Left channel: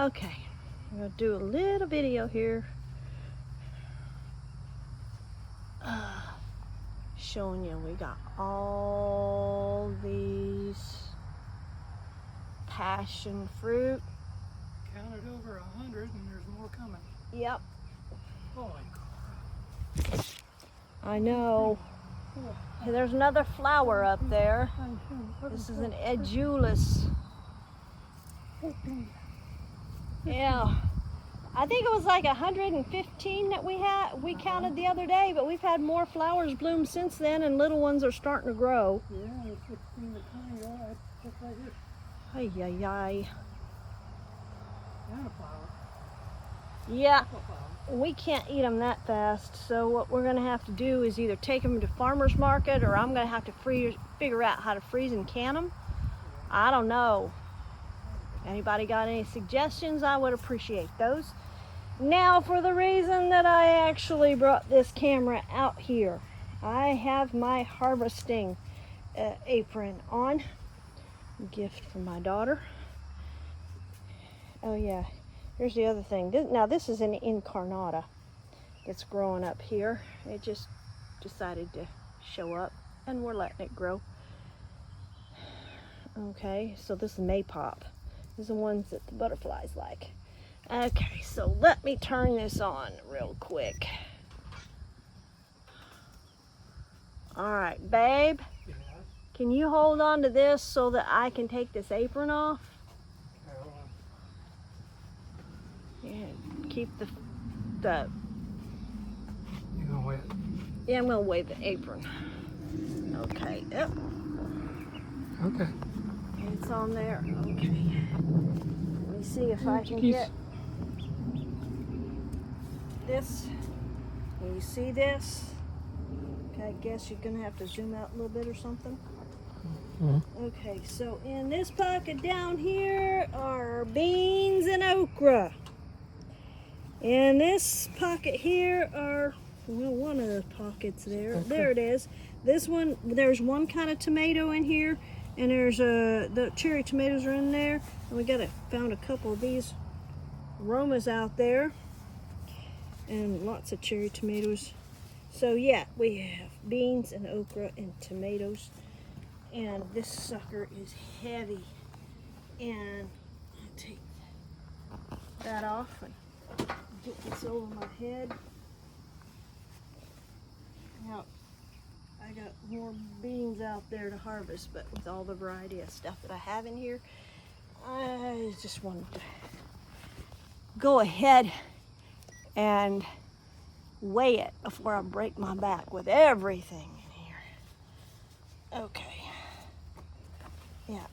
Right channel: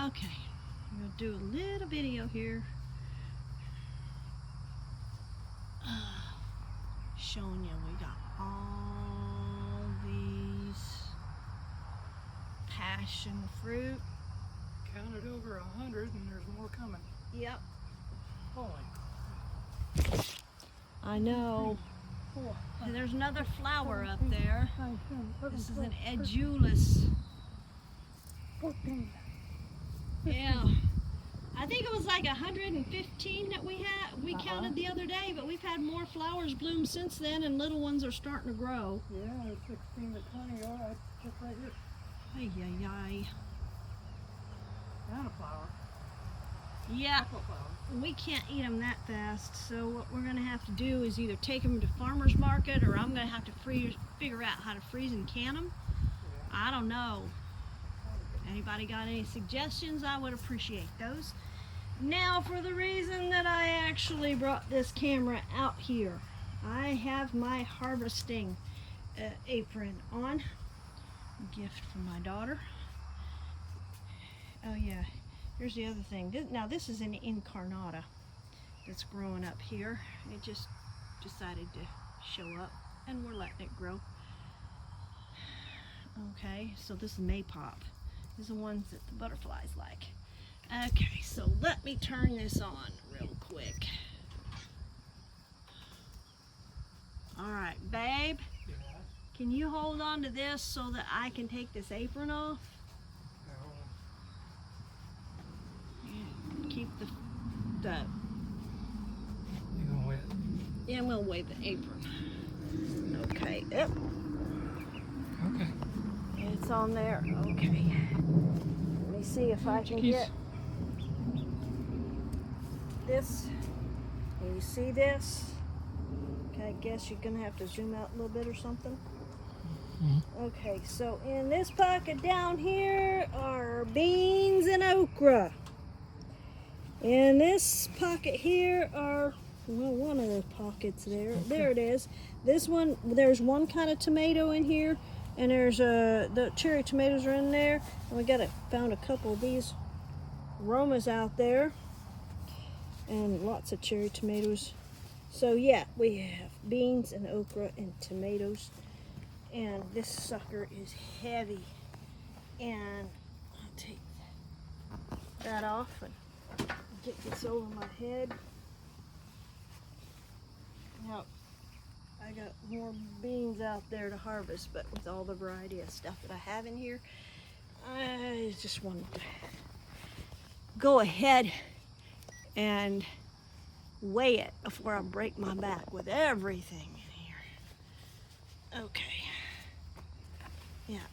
Okay, I'm gonna do a little video here showing you we got all these passion fruit. Counted over 100 and there's more coming. Yep. Holy crap. I know. Hey, there's another flower up there. This is an edulus. 14. Yeah. I think it was like 115 that we counted the other day, but we've had more flowers bloom since then, and little ones are starting to grow. Yeah, there's 16 to 20. Oh, that's just right here. Ay, ay, ay. And a flower. Yeah, A flower. we can't eat them that fast, so what we're gonna have to do is either take them to farmer's market, or I'm gonna have to figure out how to freeze and can them. I don't know. Anybody got any suggestions? I would appreciate those. Now, for the reason that I actually brought this camera out here, I have my harvesting apron on. Gift from my daughter. Oh yeah, here's the other thing. Now this is an incarnata that's growing up here. It just decided to show up, and we're letting it grow. Okay, so this is maypop. These are the ones that the butterflies like. Okay, so let me turn this on real quick. All right, babe, Yeah. can you hold on to this so that I can take this apron off? Yeah, keep the You gonna wait? yeah, I'm gonna wave the apron. Okay, yep, Okay. it's on there. Okay, let me see if I can get this. Can you see this? Okay, I guess you're gonna have to zoom out a little bit or something. Okay, so in this pocket down here are beans and okra. In this pocket here are, well, one of the pockets there. Okay. There it is. This one, there's one kind of tomato in here, and there's the cherry tomatoes are in there. And we found a couple of these Romas out there, and lots of cherry tomatoes. So yeah, we have beans and okra and tomatoes. And this sucker is heavy, and I'll take that off and get this over my head. Now, I got more beans out there to harvest, but with all the variety of stuff that I have in here, I just wanted to go ahead and weigh it before I break my back with everything in here. Okay. Yeah.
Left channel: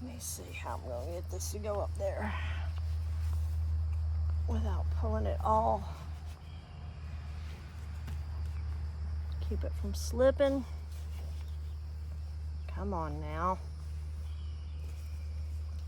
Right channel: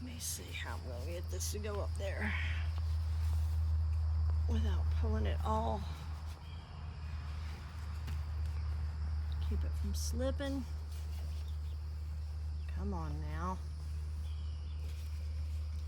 Let me see how I'm going to get this to go up there without pulling it all. Keep it from slipping. Come on now.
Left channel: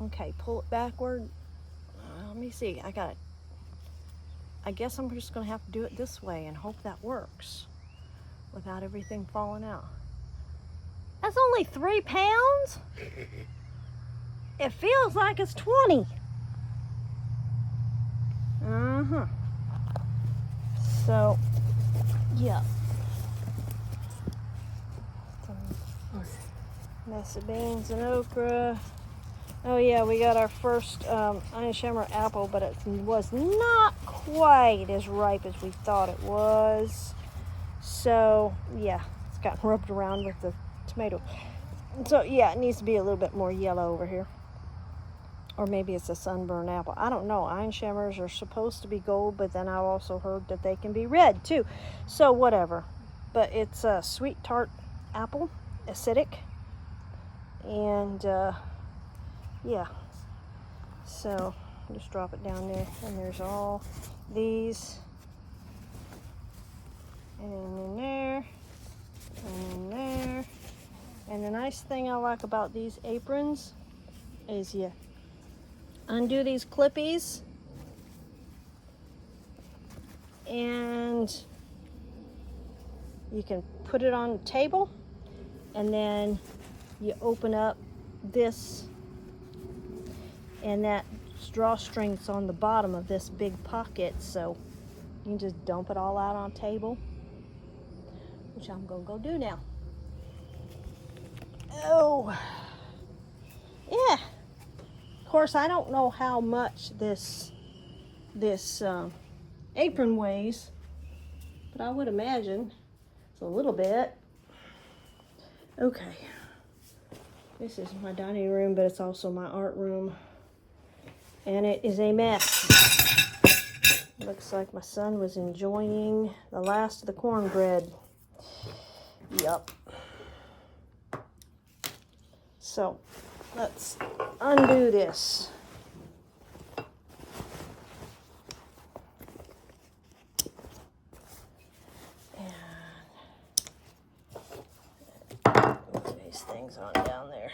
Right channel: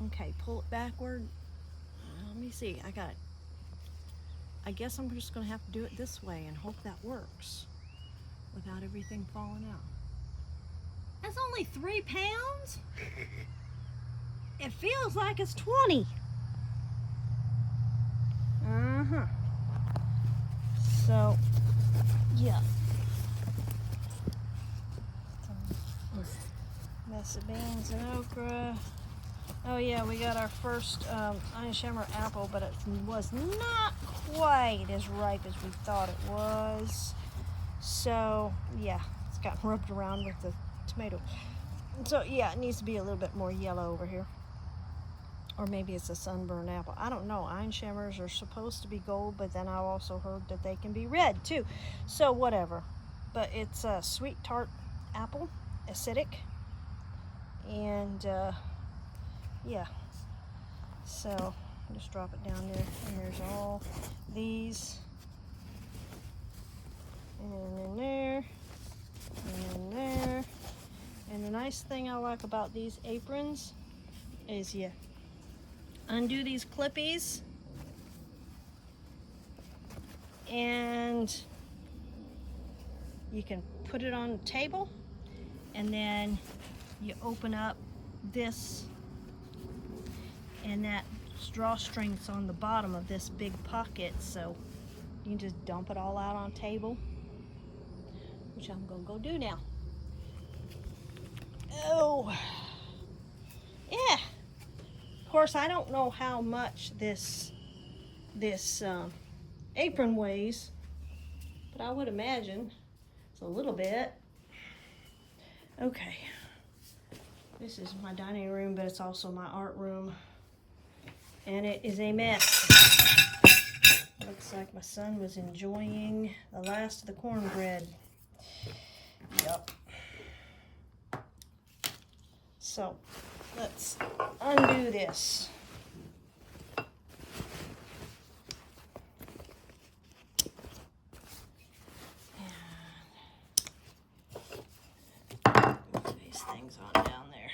Okay, pull it backward. Let me see. I got it. I guess I'm just going to have to do it this way and hope that works without everything falling out. That's only 3 pounds? It feels like it's 20. So, yeah. Mess of beans and okra. Oh yeah, we got our first Einsheimer apple, but it was not quite as ripe as we thought it was. So, yeah, it's gotten rubbed around with the tomato. So yeah, it needs to be a little bit more yellow over here. Or maybe it's a sunburned apple. I don't know. Einscheimers are supposed to be gold, but then I also heard that they can be red too. So whatever. But it's a sweet tart apple, acidic. And yeah. So just drop it down there. And there's all these. And in there. And in there. And the nice thing I like about these aprons is you undo these clippies and you can put it on the table, and then you open up this and that drawstring's on the bottom of this big pocket, so you can just dump it all out on the table, which I'm gonna go do now. Oh, yeah. Of course, I don't know how much this apron weighs, but I would imagine it's a little bit. Okay, this is my dining room, but it's also my art room, and it is a mess. Looks like my son was enjoying the last of the cornbread. Yup. So let's undo this. And put these things on down there.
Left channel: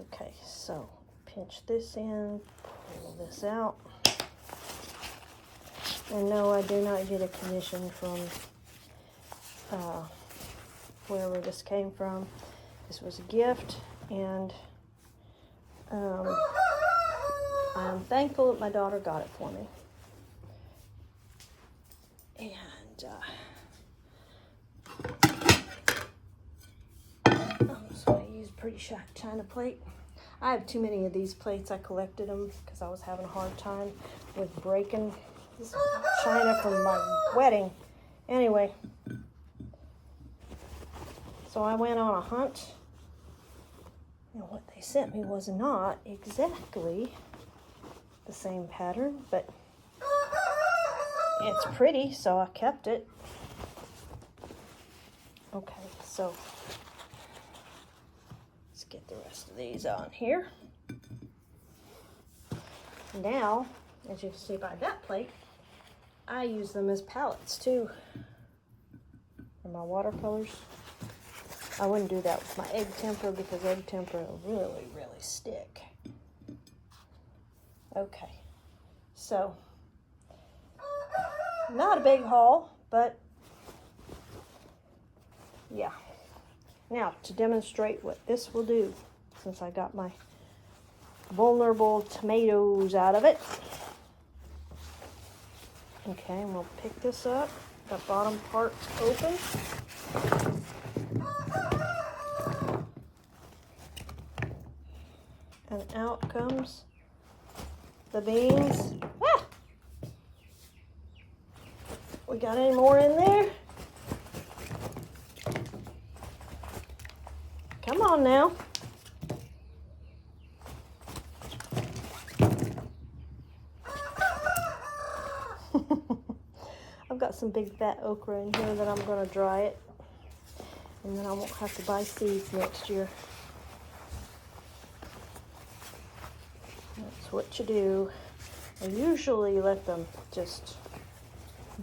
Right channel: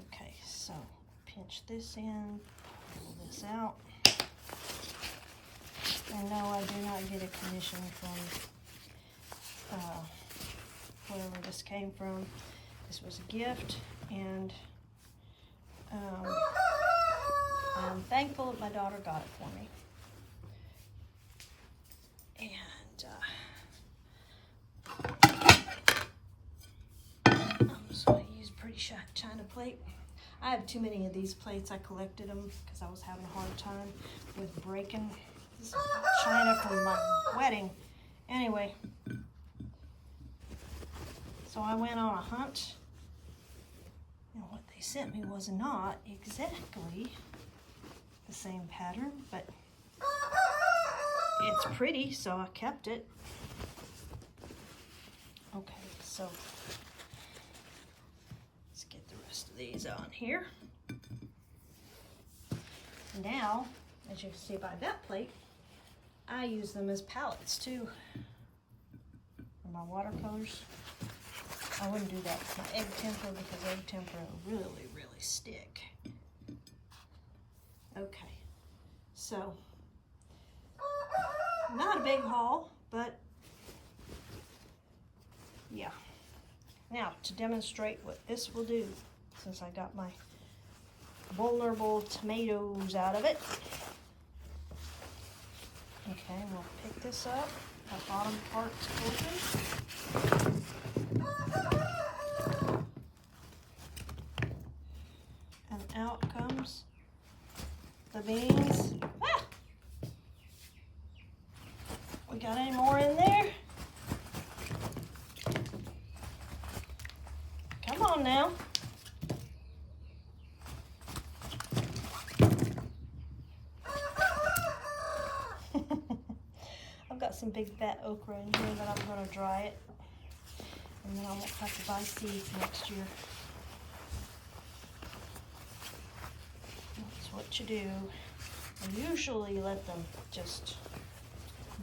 Okay, so pinch this in, pull this out. And no, I do not get a commission from wherever this came from. This was a gift, and I'm thankful that my daughter got it for me. And I'm just going to use a pretty china plate. I have too many of these plates. I collected them because I was having a hard time with breaking this china from my wedding. Anyway, so I went on a hunt, and what they sent me was not exactly the same pattern, but it's pretty, so I kept it. Okay, so let's get the rest of these on here. Now, as you can see by that plate, I use them as palettes too for my watercolors. I wouldn't do that with my egg temper because egg temper will really, really stick. Okay, so not a big haul, but yeah. Now, to demonstrate what this will do, since I got my vulnerable tomatoes out of it. Okay, and we'll pick this up. The bottom part's open. And out comes the beans. Ah! We got any more in there? Come on now. I've got some big fat okra in here that I'm going to dry it. And then I won't have to buy seeds next year. That's what you do. I usually let them just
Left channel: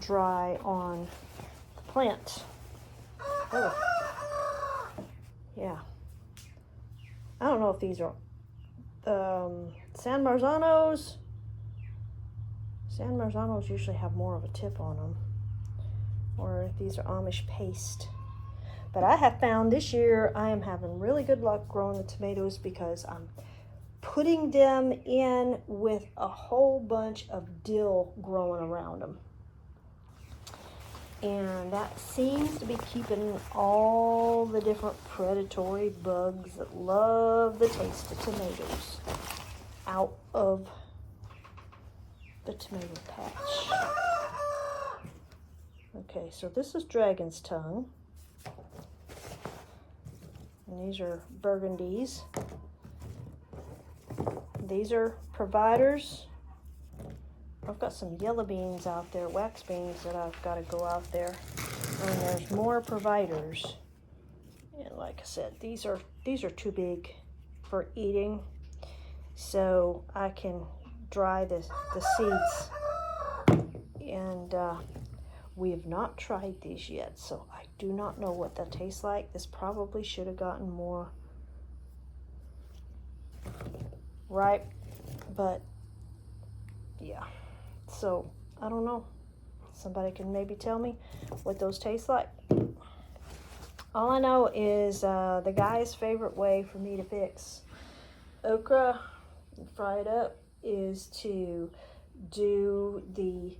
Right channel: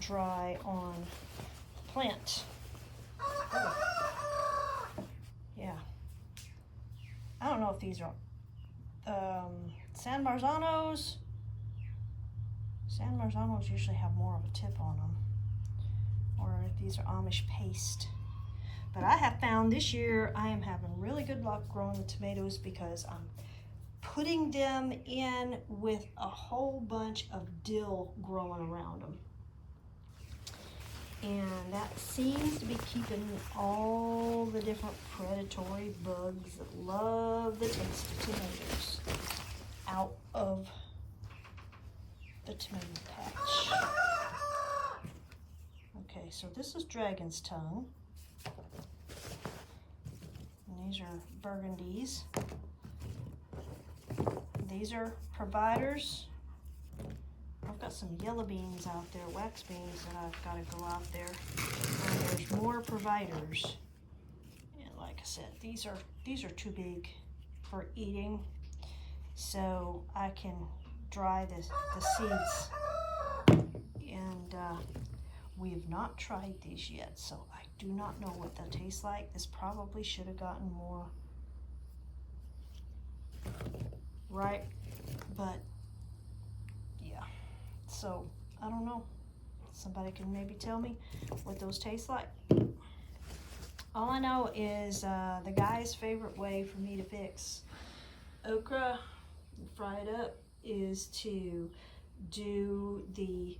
dry on the plant. Oh. Yeah. I don't know if these are San Marzanos. San Marzanos usually have more of a tip on them. Or if these are Amish paste. But I have found this year I am having really good luck growing the tomatoes because I'm putting them in with a whole bunch of dill growing around them. And that seems to be keeping all the different predatory bugs that love the taste of tomatoes out of the tomato patch. Okay, so this is dragon's tongue. And these are burgundies. These are providers. I've got some yellow beans out there, wax beans, that I've got to go out there. And there's more providers. And like I said, these are too big for eating. So I can dry the seeds. And we have not tried these yet, so I do not know what that tastes like. This probably should have gotten more ripe, but yeah. So, I don't know. Somebody can maybe tell me what those taste like. All I know is the guy's favorite way for me to fix okra and fry it up is to do the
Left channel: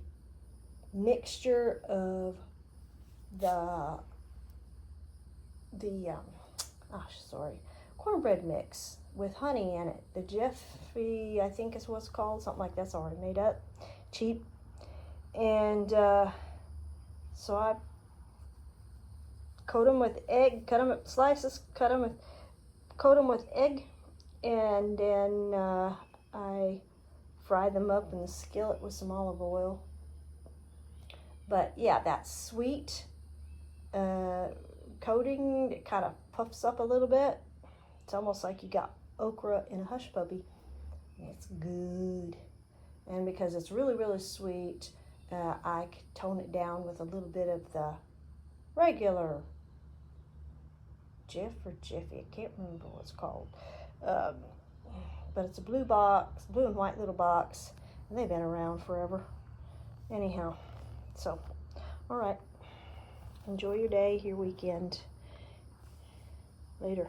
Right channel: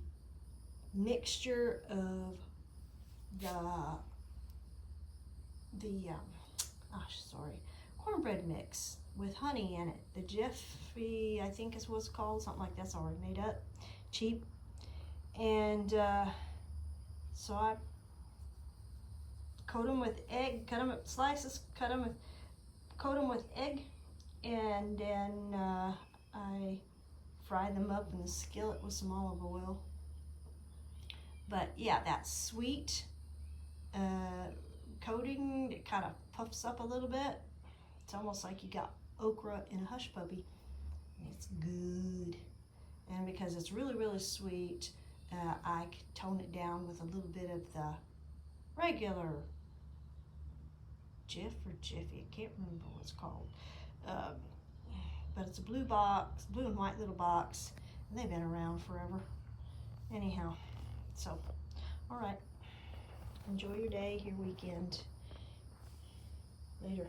mixture of the cornbread mix with honey in it. The Jiffy, I think is what it's called, something like that's already made up, cheap. And so I coat them with egg, cut them up slices, coat them with egg, and then I fry them up in the skillet with some olive oil. But yeah, that sweet coating, it kind of puffs up a little bit. It's almost like you got okra in a hush puppy. It's good. And because it's really, really sweet, I tone it down with a little bit of the regular Jiff or Jiffy, I can't remember what it's called. But it's a blue box, blue and white little box, and they've been around forever. Anyhow, so, all right. Enjoy your day, your weekend. Later.